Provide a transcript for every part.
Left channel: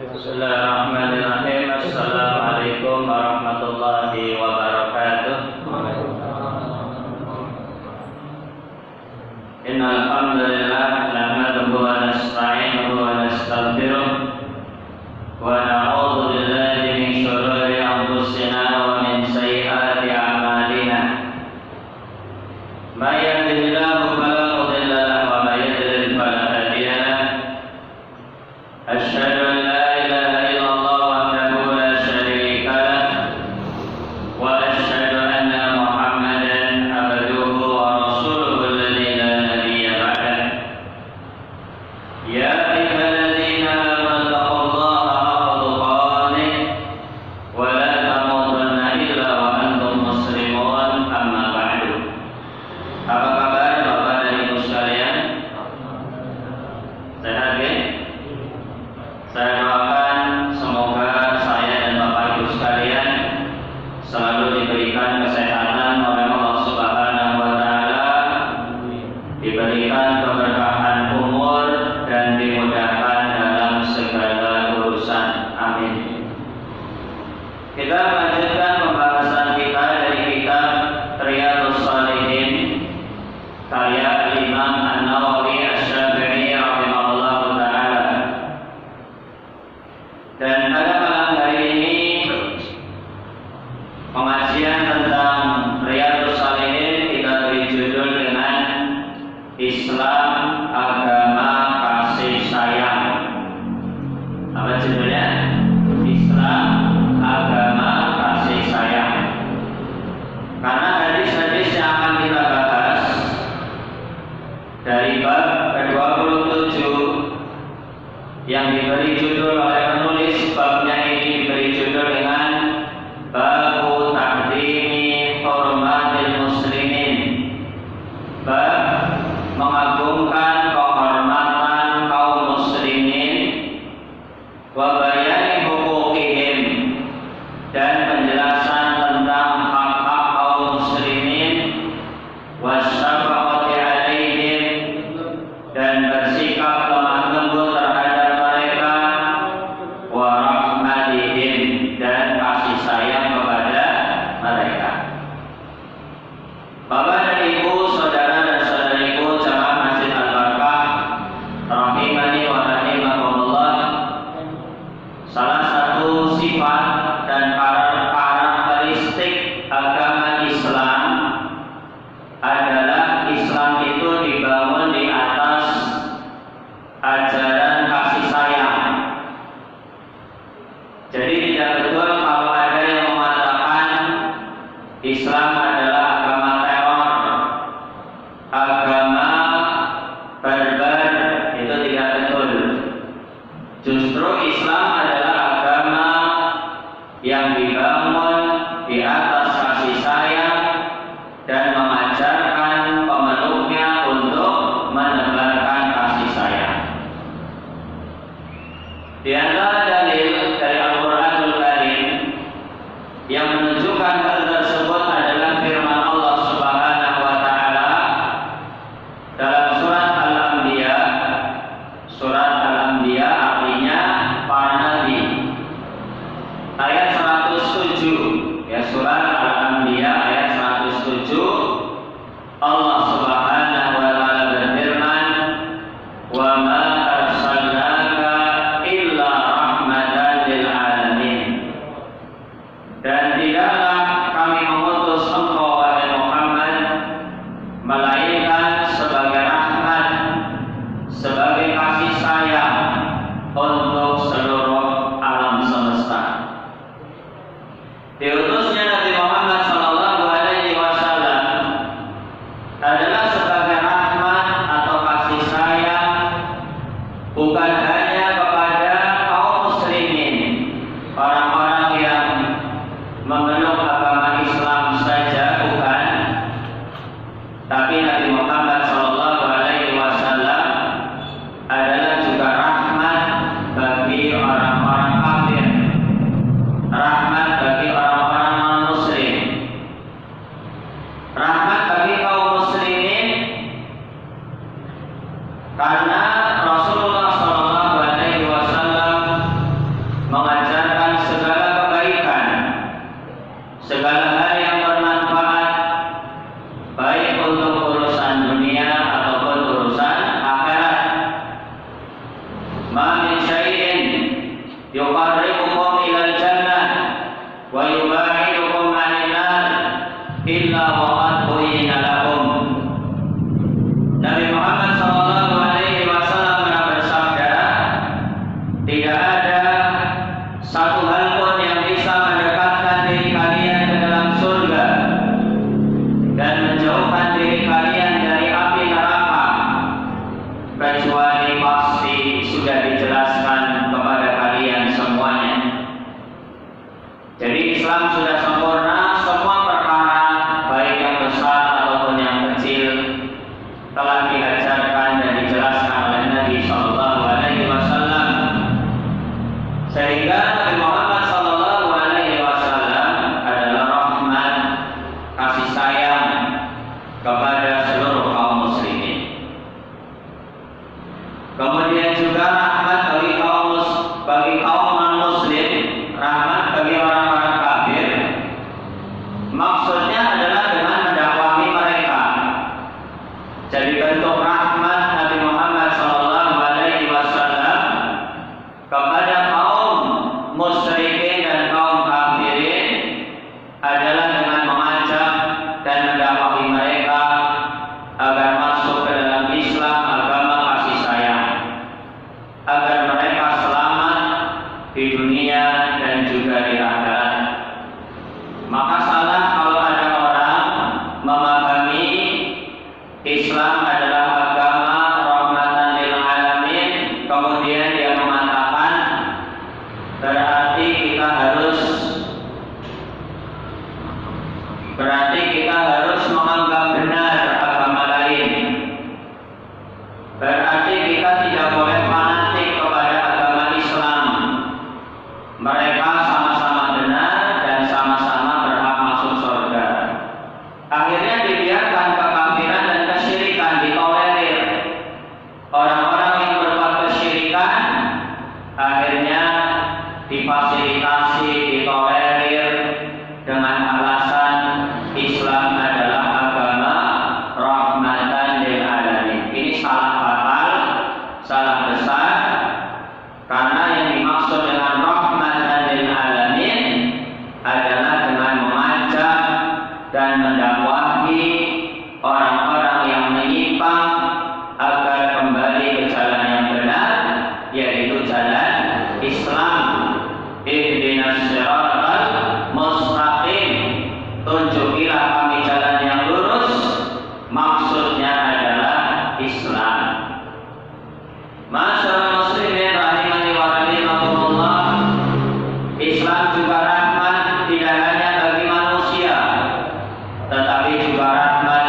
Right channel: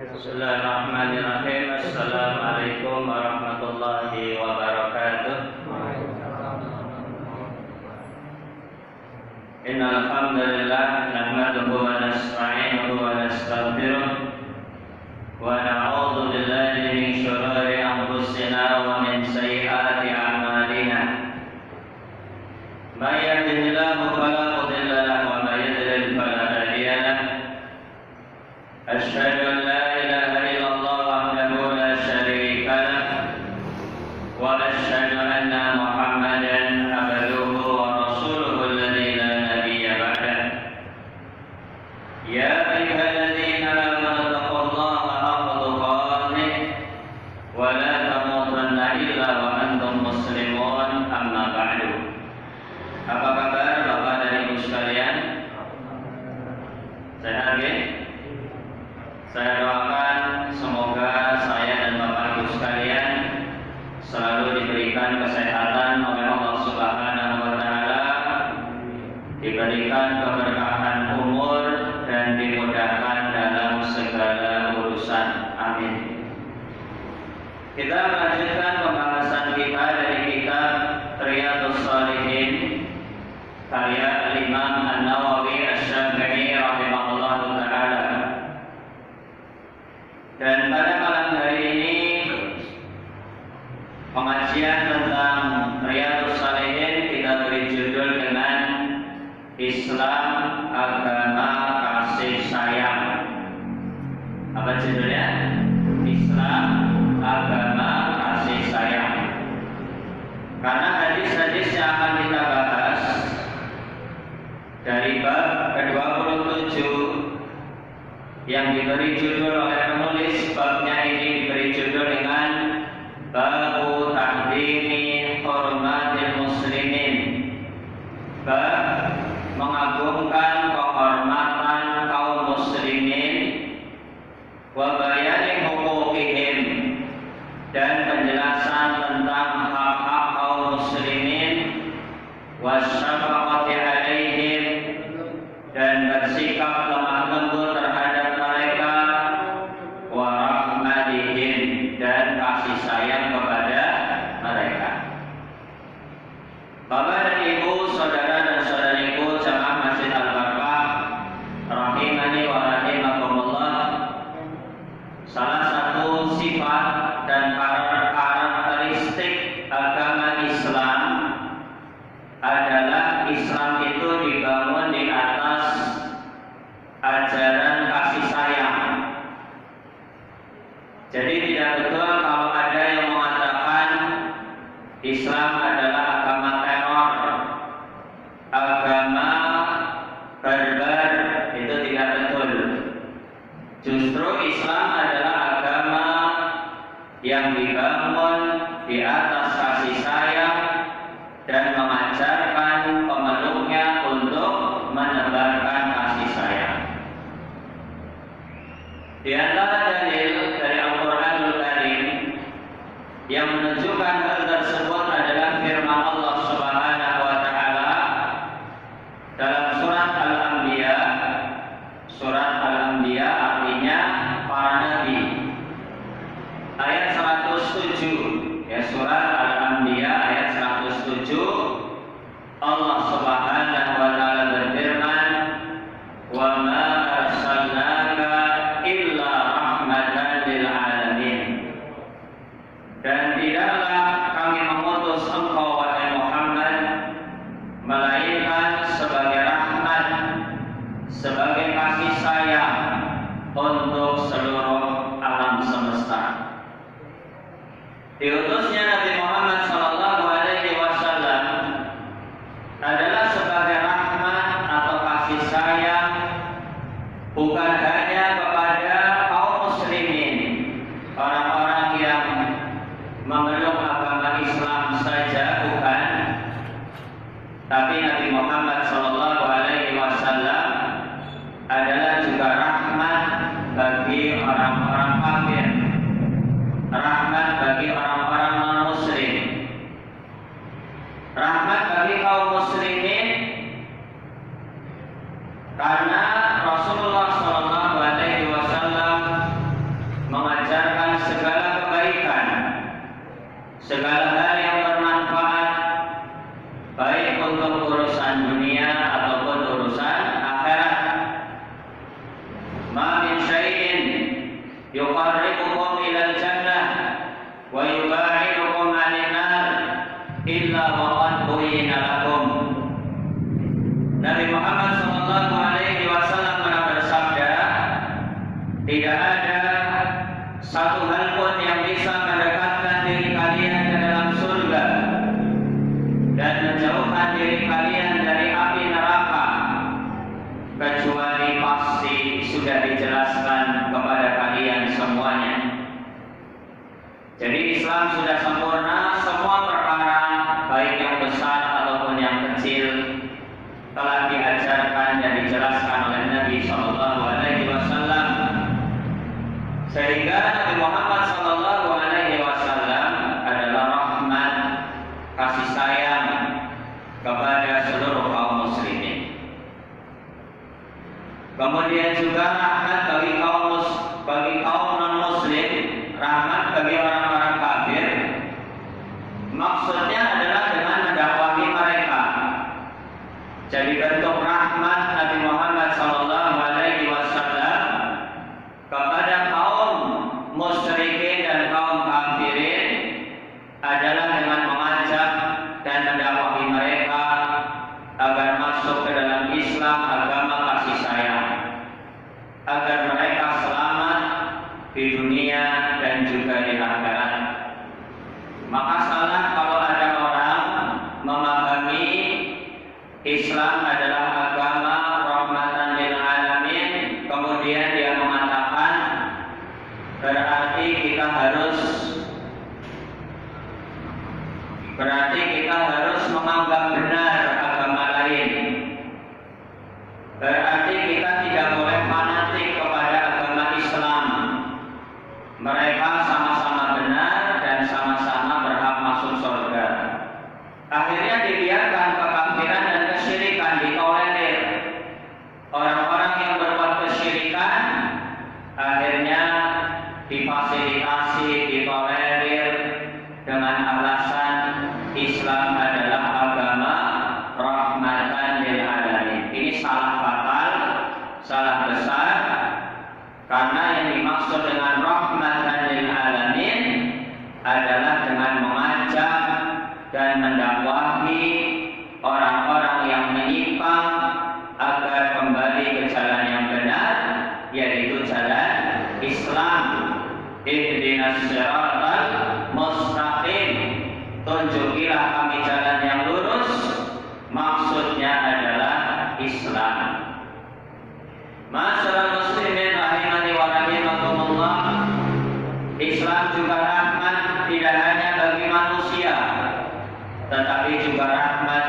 Bismillahirrahmanirrahim. Assalamualaikum warahmatullahi wabarakatuh. Innal hamdalillah nahmaduhu wa nasta'inuhu wa nastaghfiruh wa na'udzu billahi min shururi anfusina wa min sayyiati a'malina. May yahdihillahu fala mudilla lahu wa may yudlil fala hadiya lahu. Asyhadu an la ilaha illallah wahdahu la syarika lahu wa asyhadu anna Muhammadan abduhu wa rasuluhu alladzi la nabiyya ba'dahu. Ya ayyuhalladzina amanu taqullaha haqqa tuqatih wa la tamutunna illa wa antum muslimun, amma ba'du. Apa kabar Bapak dan Ibu sekalian? Sehat ya? Saya doakan semoga saya dan Bapak Ibu sekalian selalu diberikan kesehatan oleh Allah Subhanahu wa taala, diberikan keberkahan umur dan dimudahkan dalam segala urusan. Amin. Kita melanjutkan pembahasan kita dari kitab Riyadhus Shalihin karya Imam An-Nawawi Asy-Syafi'i rahimahullahu taala. Dan pada malam hari ini pengajian tentang Riyadhus Shalihin kita beri judul dengan Islam Agama Kasih Sayang. Apa judulnya? Islam Agama Kasih Sayang. Karena hadis-hadis yang akan kita bahas dari bab ke-27 yang diberi judul oleh penulis babnya ini diberi judul dengan Babu Tahdimi Hormatil Muslimin, bab mengagungkan kehormatan kaum muslimin, wa bayani hukukihim, dan penjelasan tentang hak-hak kaum muslimin, wa syafaqati alaihim, dan bersikap lemah lembut terhadap mereka, wa rahmatihim, dan kasih sayang kepada mereka. Bapak dan Ibu, saudara dan saudariku jamaah Masjid Al-Barkah rahimani wa rahimakumullah, salah satu sifat dan karakteristik agama Islam adalah Islam itu dibangun di atas ajaran kasih sayang. Jadi tidak betul kalau ada yang mengatakan Islam adalah agama teror, agama barbar. Itu tidak betul. Justru Islam adalah agama yang dibangun di atas kasih sayang dan mengajarkan pemeluknya untuk menebarkan kasih sayang. Di antara dalil dari Al-Quranul Karim yang menunjukkan hal tersebut adalah firman Allah Subhanahu wa taala dalam surat Al-Anbiya. Surat Al-Anbiya artinya para nabi. Ayat 107, ya, surat Al-Anbiya ayat 107. Allah Subhanahu wa taala berfirman, "Wa ma arsalnaka illa rahmatan lil alamin." Dan tidaklah kami mengutus engkau wahai Muhammad melainkan sebagai rahmat, sebagai kasih sayang untuk seluruh alam semesta. Diutusnya Nabi Muhammad sallallahu alaihi wasallam adalah sebagai rahmat atau kasih sayang bukan hanya kepada kaum muslimin, orang-orang yang memeluk agama Islam saja, bukan, tapi Nabi Muhammad sallallahu alaihi wasallam adalah juga rahmat bagi orang-orang kafir, rahmat bagi orang-orang non-muslim, rahmat bagi kaum muslimin, karena Rasulullah sallallahu alaihi wasallam yuqarribukum ilal jannah wa yuba'idukum 'anil nar illa wa qad buyyina lakum. Nabi Muhammad sallallahu alaihi wasallam pernah bersabda, tidak ada satu hal pun yang bisa mendekatkan diri kalian ke dalam surga dan menjauhkan diri kalian dari api neraka kecuali pasti sudah dijelaskan kepada kalian semuanya. Jadi Islam sudah sempurna, semua perkara baik yang besar ataupun yang kecil telah diajarkan dan dijelaskan oleh Nabi Sallallahu Alaihi Wasallam, sehingga Nabi Muhammad Sallallahu Alaihi Wasallam adalah rahmat, kasih sayang kepada seluruh kaum muslimin. Kemudian juga rahmat bagi kaum non muslim, rahmat bagi orang-orang kafir. Maksudnya adalah dengan mendakwahi mereka. Jadi bentuk rahmat Nabi Muhammad Sallallahu Alaihi Wasallam kepada kaum musyrikin dan kaum kafirin adalah dengan mengajak dan mendakwahi mereka agar masuk ke dalam Islam, agama kasih sayang, agar mereka selamat di dunia dan juga di akhirat. Maka salah kalau ada orang memahami Islam adalah agama rahmatan lil alamin, kemudian dia mengatakan berarti kita harus menganggap benar agama lain. Berarti kita tidak boleh fanatik kepada agama Islam. Mereka sama-sama benar dan sama-sama berhak masuk surga. Akhirnya dibiarkan kekafiran dan kesyirikan ditolerir. Orang-orang yang berbuat kesyirikan akhirnya difasilitasi, ditolerir dengan alasan Islam adalah agama rahmatan lil alamin. Ini salah fatal, salah besar, karena yang dimaksud dengan rahmatan lil alamin adalah dengan mengajak dan mendakwahi orang-orang yang menyimpang agar kembali ke jalan yang benar, yaitu jalan Islam. Ihdinas siratal mustaqim, tunjukilah kami jalan yang lurus. Maksudnya adalah Islam. Masyaallah muslimin rahimani wa rahimakumullah. Islam juga rahmat tidak hanya bagi manusia, tetapi juga rahmat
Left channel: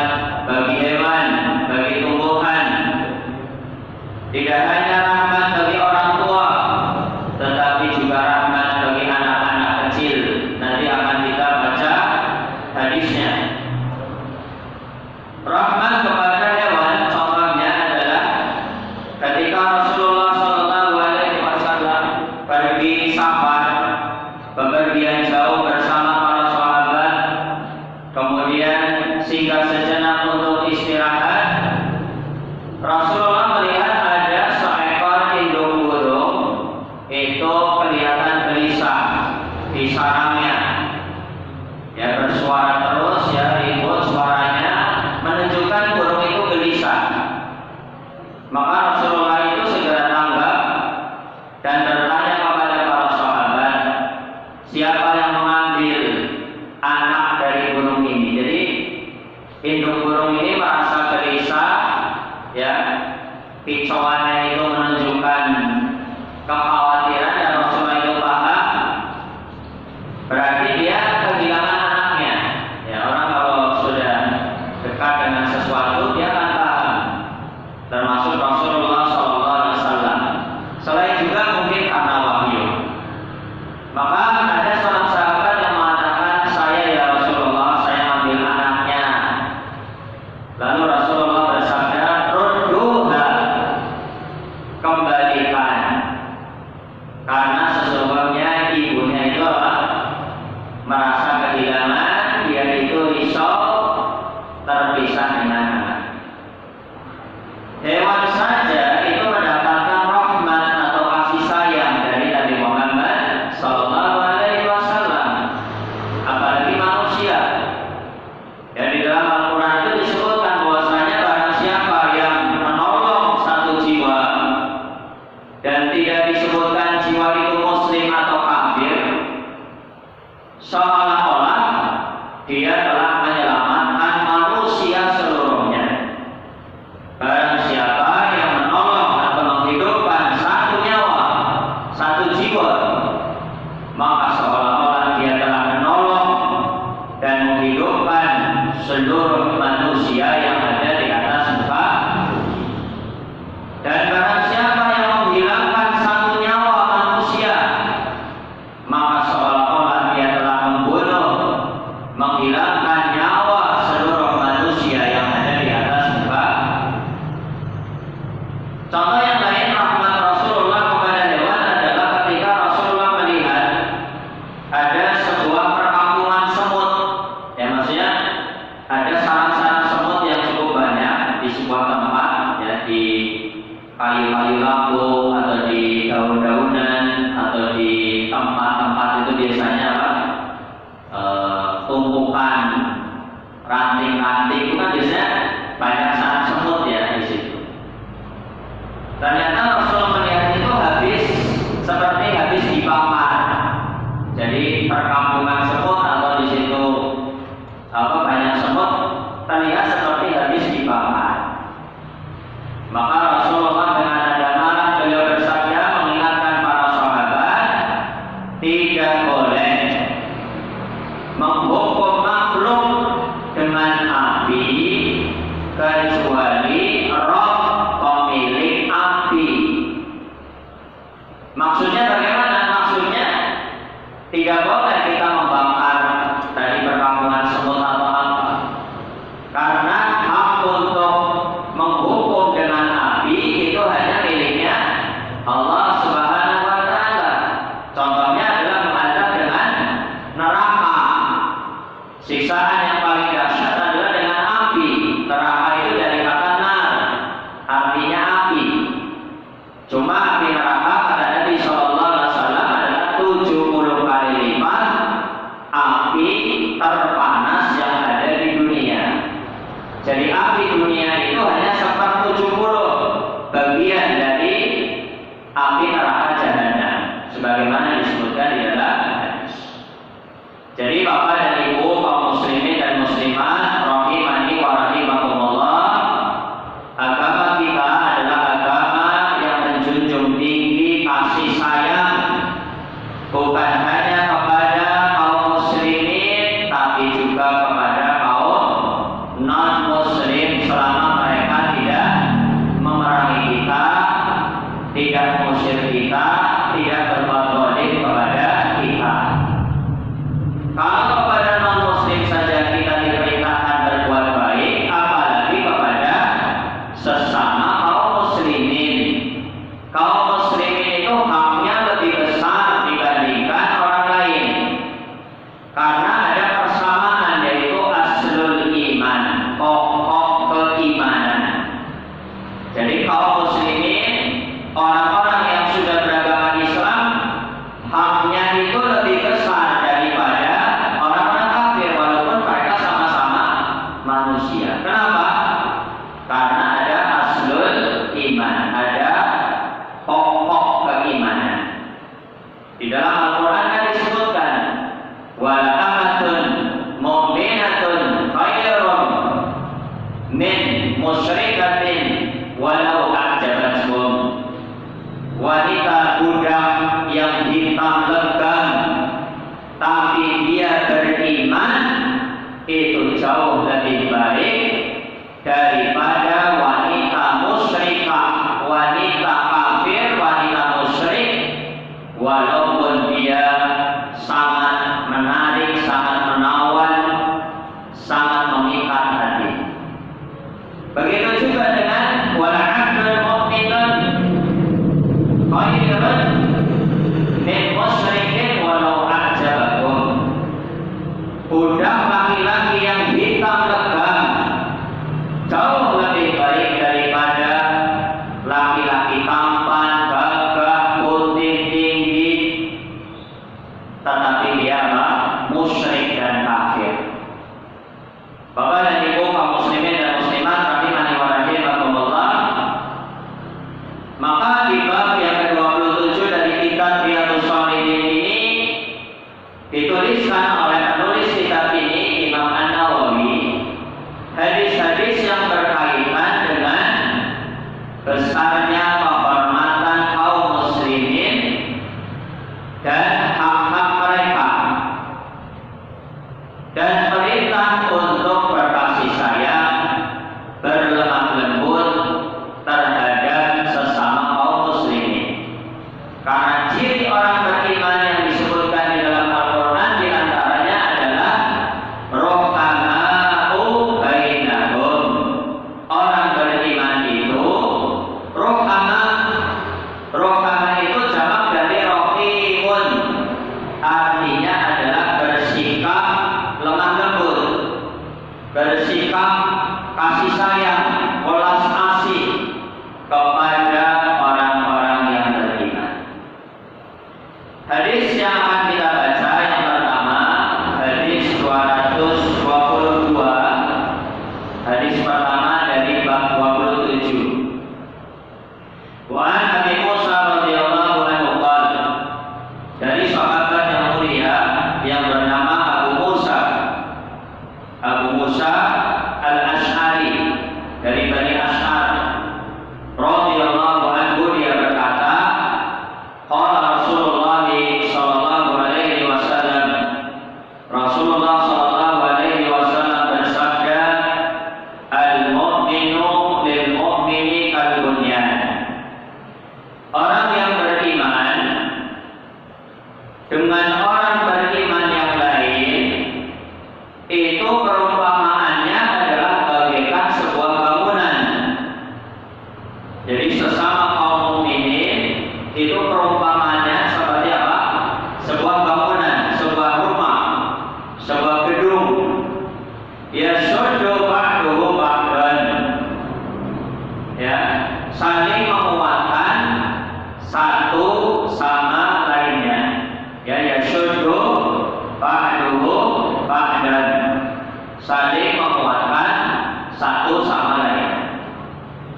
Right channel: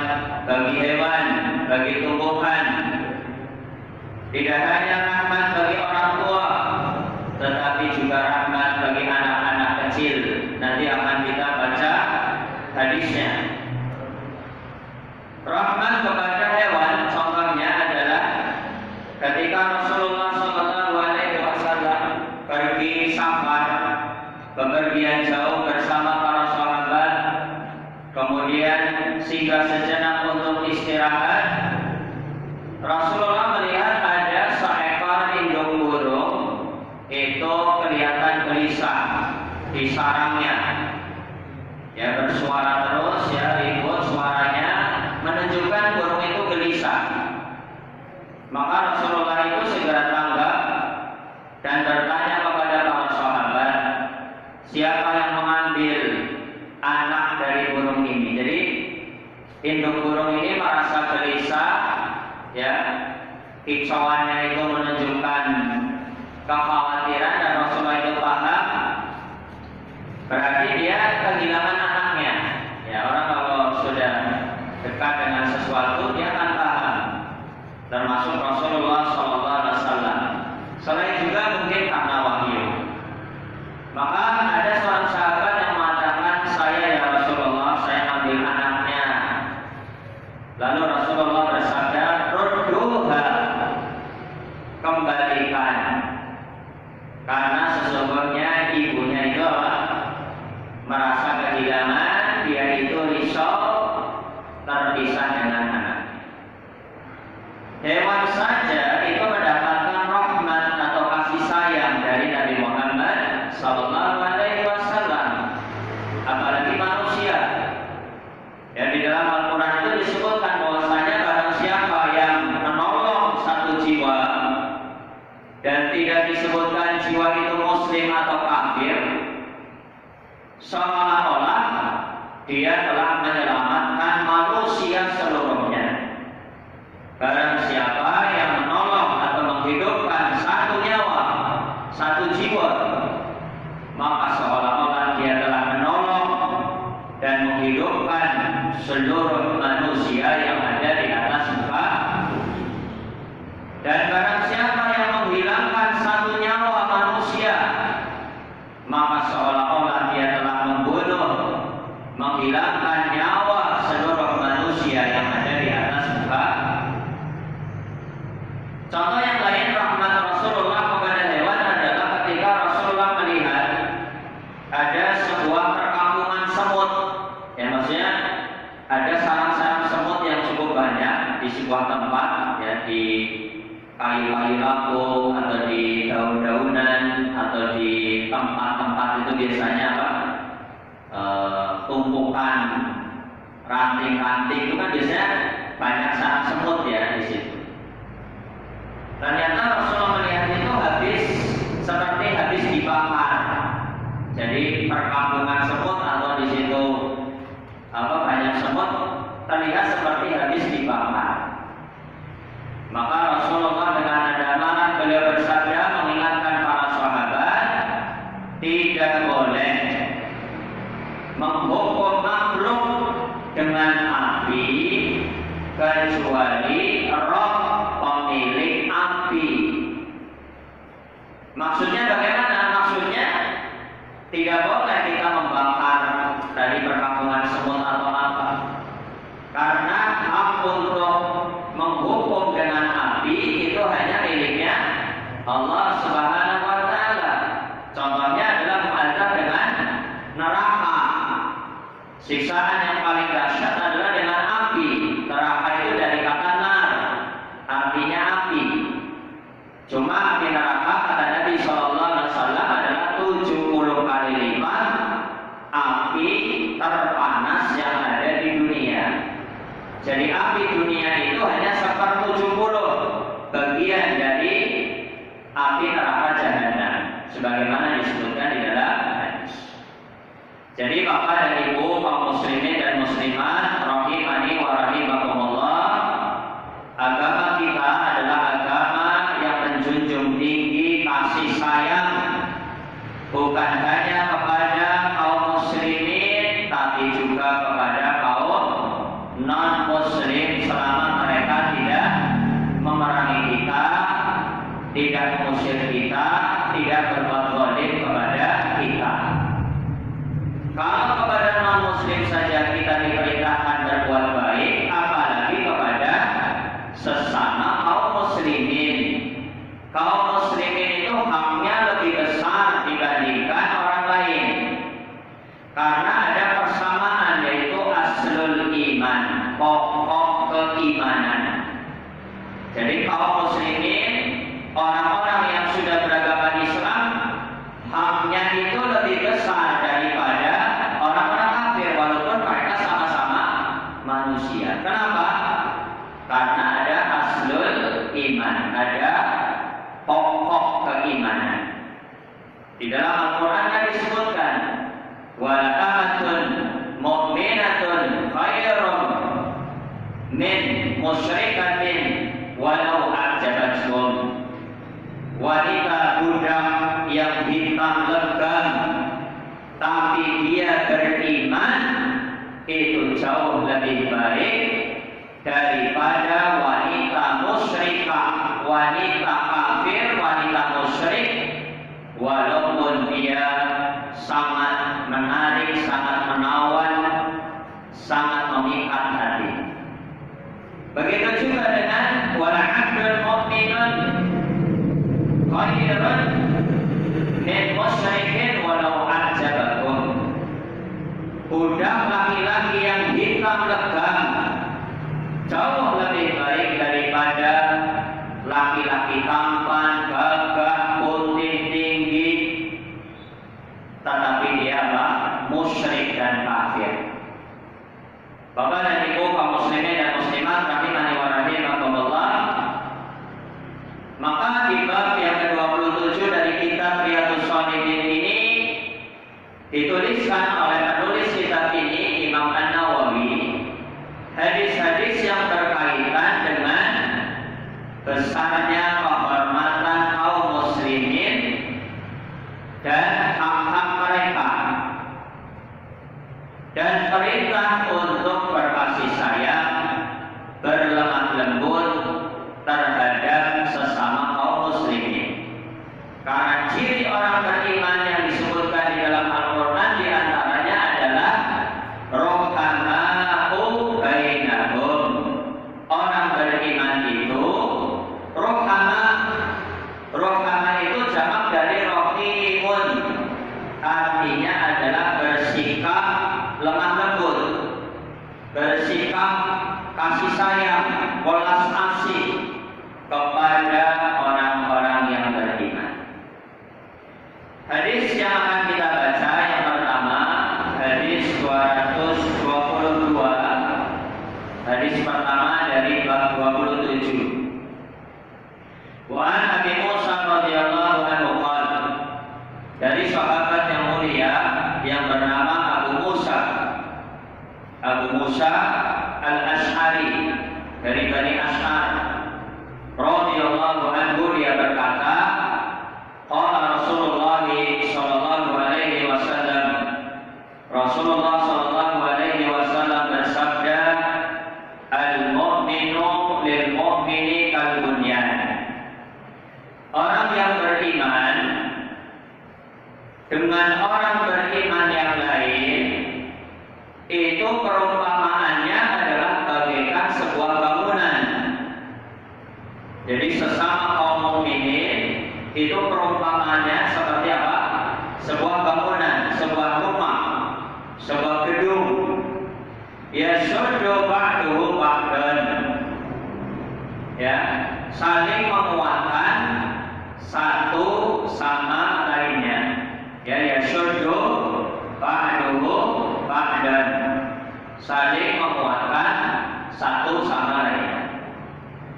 bagi hewan, bagi tumbuhan. Tidak hanya rahmat bagi orang tua, tetapi juga rahmat bagi anak-anak kecil. Nanti akan kita baca hadisnya. Rahmat kepada hewan contohnya adalah ketika Rasulullah Sallallahu Alaihi Wasallam pergi safar, bepergian jauh bersama para sahabat, kemudian singgah sejenak untuk istirahat. Rasulullah melihat ada seekor induk burung itu kelihatan gelisah di sarangnya, ya bersuara terus, ya ribut suaranya, menunjukkan burung itu gelisah. Maka Rasulullah itu segera tanggap dan bertanya kepada para sahabat, siapa yang mengambil anak dari burung ini? Jadi induk burung ini merasa gelisah, ya kicauannya itu menunjukkan kekhawatiran, dan Rasulullah itu paham, berarti dia kehilangan anaknya. Ya, orang kalau sudah dekat dengan sesuatu dia akan paham, termasuk Rasulullah SAW. Selain juga mungkin karena wahyu. Maka ada seorang sahabat yang mengatakan, saya ya Rasulullah, saya ambil anaknya. Lalu Rasulullah bersabda, rudduha, dia telah menyelamatkan manusia seluruhnya. Barang siapa yang menolong atau menghidupkan satu nyawa, satu jiwa, maka seolah-olah dia telah menolong dan menghidupkan seluruh manusia yang ada di atas muka. Dan barang siapa yang menghilangkan satu nyawa manusia, maka seolah-olah dia telah membunuh, menghilangkan nyawa seluruh manusia yang ada di atas muka. Contoh yang lain rahmat Rasulullah kepada hewan adalah ketika Rasulullah melihat ada sebuah perkampungan semut. Ya, maksudnya ada sarang-sarang semut yang cukup banyak di sebuah tempat, ya, di kayu-kayu lampu atau di daun-daunan atau di tempat-tempat itu biasanya apa? Tumpukan ranting-ranting itu kan biasanya banyak sarang semut ya di situ. Ternyata Rasulullah melihat itu seperti habis dibakar. Jadi perkampungan semut atau di situ banyak semut terlihat seperti habis dibakar. Maka Rasulullah dengan nada marah beliau bersabda mengingatkan para sahabat, tidak boleh menghukum makhluk dengan api kecuali roh pemilik api. Maksudnya bagaimana? Maksudnya tidak boleh kita membakar dari perkampungan semut atau apa, karena hak untuk menghukum dengan api itu hanya miliknya Allah Subhanahu wa Ta'ala. Contohnya adalah mengadab dengan neraka. Siksaan yang paling dahsyat adalah dengan api. Neraka itu dari kata nar, artinya api. Cuma api neraka kata Nabi Shallallahu Alaihi Wasallam adalah 70 kali lipat api terpanas yang ada di dunia. Jadi api dunia itu hanya 1/70 bagian dari api neraka jahanam, sebagaimana disebutkan di dalam hadis. Jadi Bapak dan Ibu kaum muslimin dan muslimat rahimani wa rahimakumullah, agama kita adalah agama yang menjunjung tinggi kasih sayang, bukan hanya kepada kaum muslimin tapi juga kepada kaum non-muslim selama mereka tidak memerangi kita, tidak mengusir kita, tidak berbuat zalim kepada kita. Kalau kepada non-muslim saja kita diperintahkan berbuat baik, apalagi kepada sesama kaum muslimin. Kaum muslimin itu haknya lebih besar dibandingkan orang lain, karena ada persamaan, yaitu aslul iman, pokok keimanan. Jadi kaum muslimin, orang-orang yang sudah beragama Islam, haknya itu lebih besar daripada orang-orang kafir, walaupun mereka sama-sama manusia. Kenapa? Karena ada aslul iman, ada pokok keimanan. Di dalam Al-Quran kan disebutkan, wala amatun mu'minatun khairun min musyrikatin walau a'jabatkum. Wanita budak yang hitam legam tapi dia beriman itu jauh lebih baik daripada wanita musyrikah, wanita kafir, wanita musyrik, walaupun dia sangat menarik, sangat menawan, sangat memikat hati. Begitu juga dengan wala 'abdun mu'minun khairun min musyrikin walau a'jabakum. Budak laki-laki yang hitam legam jauh lebih baik daripada laki-laki tampan, gagah, putih, tinggi, tetapi dia musyrik dan kafir. Bapak dan Ibu kaum muslimin dan muslimat rahimani wa rahimakumullah, maka di bab yang ke-27 dari kitab Riyadhus Shalihin ini dituliskan oleh penulis kitab ini, Imam dan hak-hak mereka, dan perintah untuk berkasih sayang, berlemah lembut terhadap sesama kaum muslimin. Karena ciri orang beriman yang disebutkan di dalam Al-Quran diantaranya adalah rohkama'u bainahum. Orang beriman itu rohkama itu jamak dari rohimun, artinya adalah bersikap lemah lembut, bersikap kasih sayang, welas asih kepada orang-orang yang beriman. Hadis yang akan kita baca yang pertama, hadis 222. Hadis pertama dari bab 27. Wa an Abi Musa radhiyallahu anhu qala, dari sahabat yang mulia yang bernama Abu Musa Al-Asy'ari dari Bani Asy'ar radhiyallahu anhu, dia berkata, qala Rasulullah sallallahu alaihi wasallam, Rasulullah sallallahu alaihi wasallam bersabda, al-mu'minu lil mu'mini kal bunyan. Orang yang beriman dengan orang beriman yang lain itu perumpamaannya adalah bagaikan sebuah bangunan. Jadi sesama kaum mukminin itu perumpamaannya seperti apa? Sebuah bangunan, sebuah rumah, sebuah gedung. Yashuddu ba'duhu ba'dan. Ya, saling menguatkan satu sama lainnya. Ya, yashuddu ba'duhu ba'dan, saling menguatkan satu sama lain.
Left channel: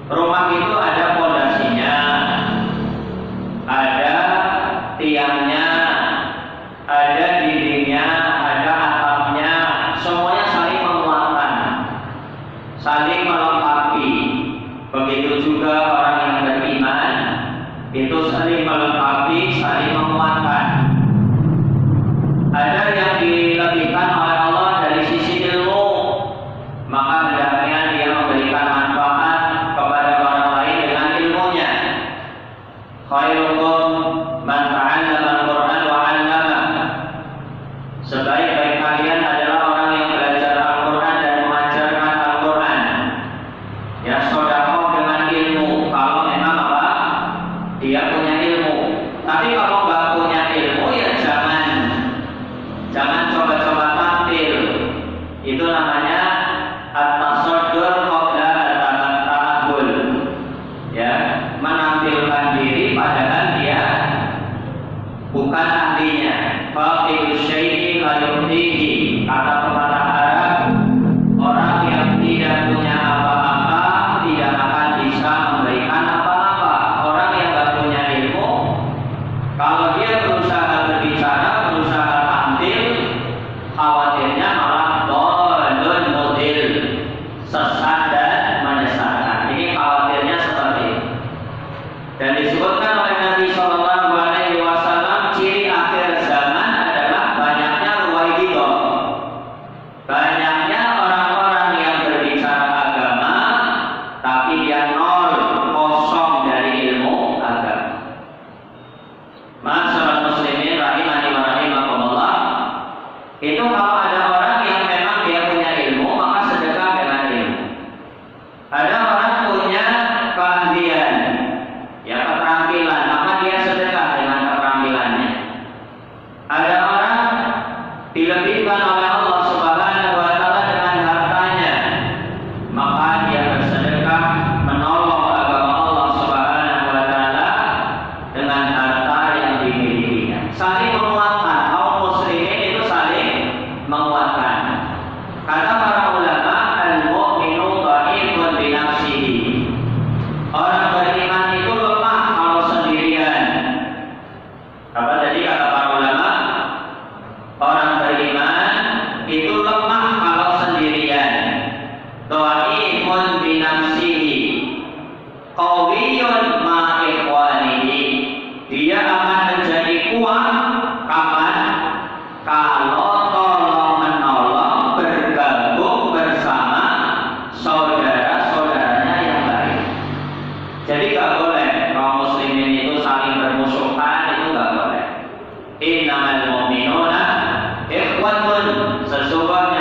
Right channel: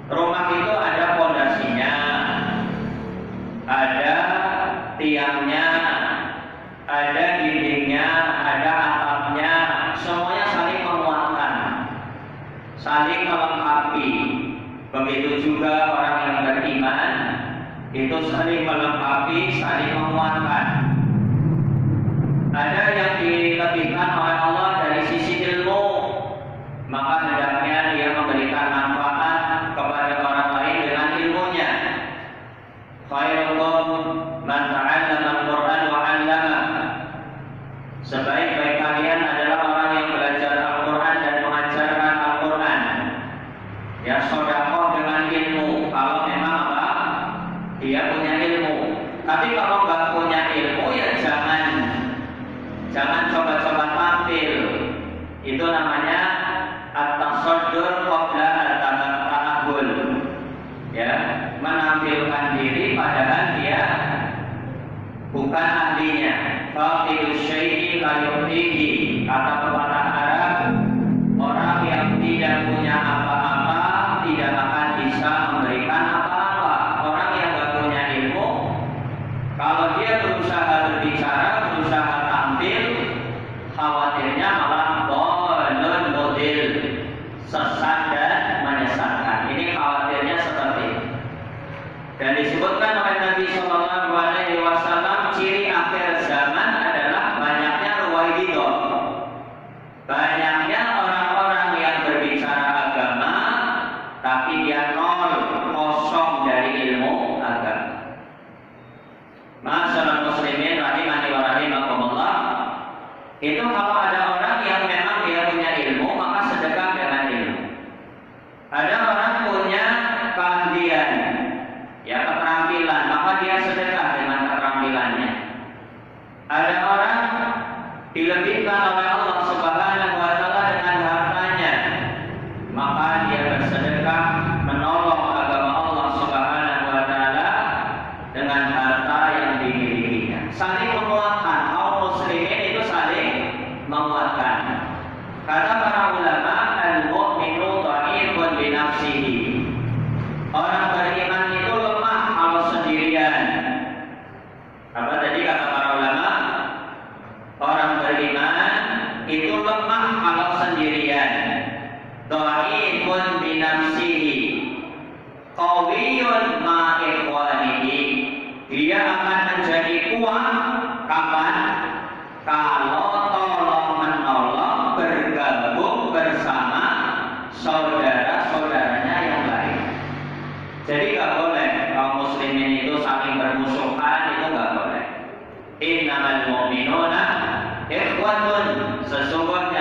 Rumah itu ada pondasinya, ada tiangnya, ada dindingnya, ada atapnya, semuanya saling menguatkan, saling melengkapi. Begitu juga orang yang beriman itu saling melengkapi, saling menguatkan. Ada yang dilebihkan oleh Allah dari sisi ilmu, maka hendaknya dia memberikan manfaat kepada orang lain dengan ilmunya. Khairukum man ta'allama al-Qur'an wa 'allamah. Sebaik-baik kalian adalah orang yang belajar Al-Qur'an dan mengajarkan Al-Qur'an. Ya, sedekah dengan ilmu kalau memang apa? Dia punya ilmu. Tapi kalau nggak punya ilmu ya jangan coba-coba tampil. Itu namanya at-tasaddur qabla at-ta'abbul. Ya, menampilkan diri padahal dia bukan ahlinya. Faqidu syai'i la yu'tihi. Kata pepatah Arab, orang yang tidak punya apa-apa tidak akan bisa memberikan apa-apa. Orang yang nggak punya ilmu, kalau dia berusaha berbicara, berusaha tampil, khawatirnya malah dhalun mudil, sesat dan menyesatkan. Ini khawatirnya seperti itu. Dan disebutkan oleh Nabi Sallallahu Alaihi Wasallam, ciri akhir zaman adalah banyaknya ruwaidah, banyaknya orang-orang yang berbicara agama, tapi dia nol, kosong dari ilmu agama. Ma'asyiral muslimin rahimani wa rahimakumullah. Itu kalau ada orang yang memang dia punya ilmu, maka sedekah dengan ilmu. Ada orang punya keahlian, ya keterampilan, maka dia sedekah dengan keterampilannya. Ada orang dilebihkan oleh Allah Subhanahu wa taala dengan hartanya, maka dia bersedekah menolong agama Allah Subhanahu wa taala dengan harta yang dimilikinya. Saling menguatkan, kaum muslimin itu saling menguatkan. Kata para ulama, al-mu'minu dha'ifun bi nafsihi. Orang beriman itu lemah kalau sendirian. Apa tadi kata para ulama? Orang beriman itu lemah kalau sendirian. Dha'ifun bi nafsihi, qawiyyun ma ikhwanihi. Dia akan menjadi kuat Kapan? Kalau tolong menolong bergabung bersama saudara-saudaranya yang lain. Jadi gak boleh kaum muslimin itu saling bermusuhan, itu gak boleh. Innamal mu'minuna ikhwatun, sesungguhnya